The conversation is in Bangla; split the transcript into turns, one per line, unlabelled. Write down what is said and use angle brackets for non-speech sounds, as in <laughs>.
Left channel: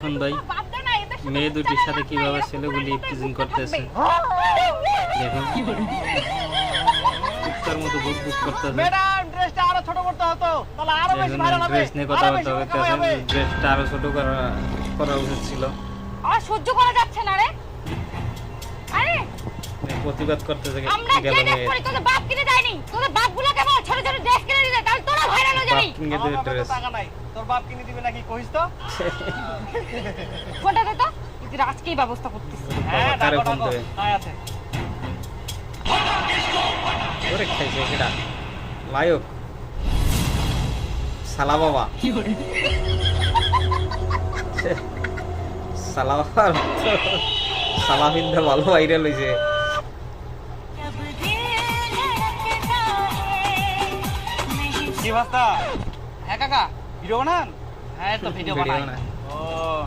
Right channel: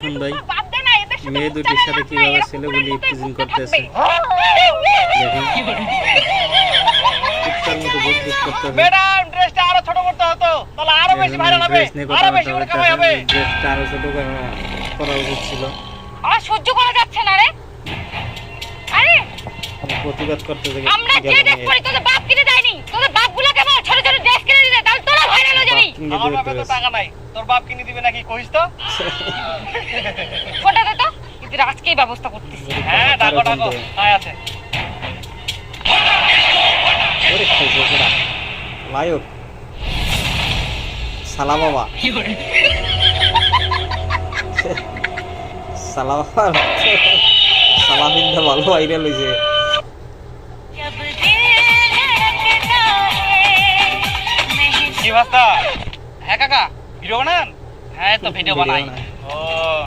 এখন ভাই মেয়ে দুটির সাথে কীভাবে ছেলেগুলি করতেছে? দেখুন কুত্তার মতো বুক বুক করতেছে
ড্রেসটা আরও ছোট করতে হতো। তাহলে আরও বেশি ভাইরাল হবে।
ড্রেস নিয়ে কথা
আরও বেশি
বার্তা
করে কামাই হবে।
ড্রেসটা আরও ছোট করা করা উচিত ছিল।
আর সহ্য করা যাচ্ছে না রে। আরে
প্রতিবাদ করতে
আমরা যে ড্রেস
মেয়ে
তোদের বাপ কিনে দেয়নি। তোদের বাপগুলা কেমন ছোট ছোট ড্রেস কিনে দিতে তাহলে তোরা ভাইরাল হয়ে যাবি
বাপ কিনে দেবে ড্রেস
টাকা নাই তোর বাপ কিনে দিবে নাকি কইস তো
ফোনটা দে তো কিন্তু আজকেই ব্যবস্থা করতেছি
হ্যাঁ
তারে
ডাকো ডাকো। তাই আছে
ওরে খাইছে সেটা লায়ক সালা বাবা সালা বাবা সালা বিন্দা ভালো ভাইরাল হইছে
কি ভাস্তা হ্যাঁ কাকা ভিডিও বানান? হ্যাঁ তো <laughs> ভিডিও বানাই। ও।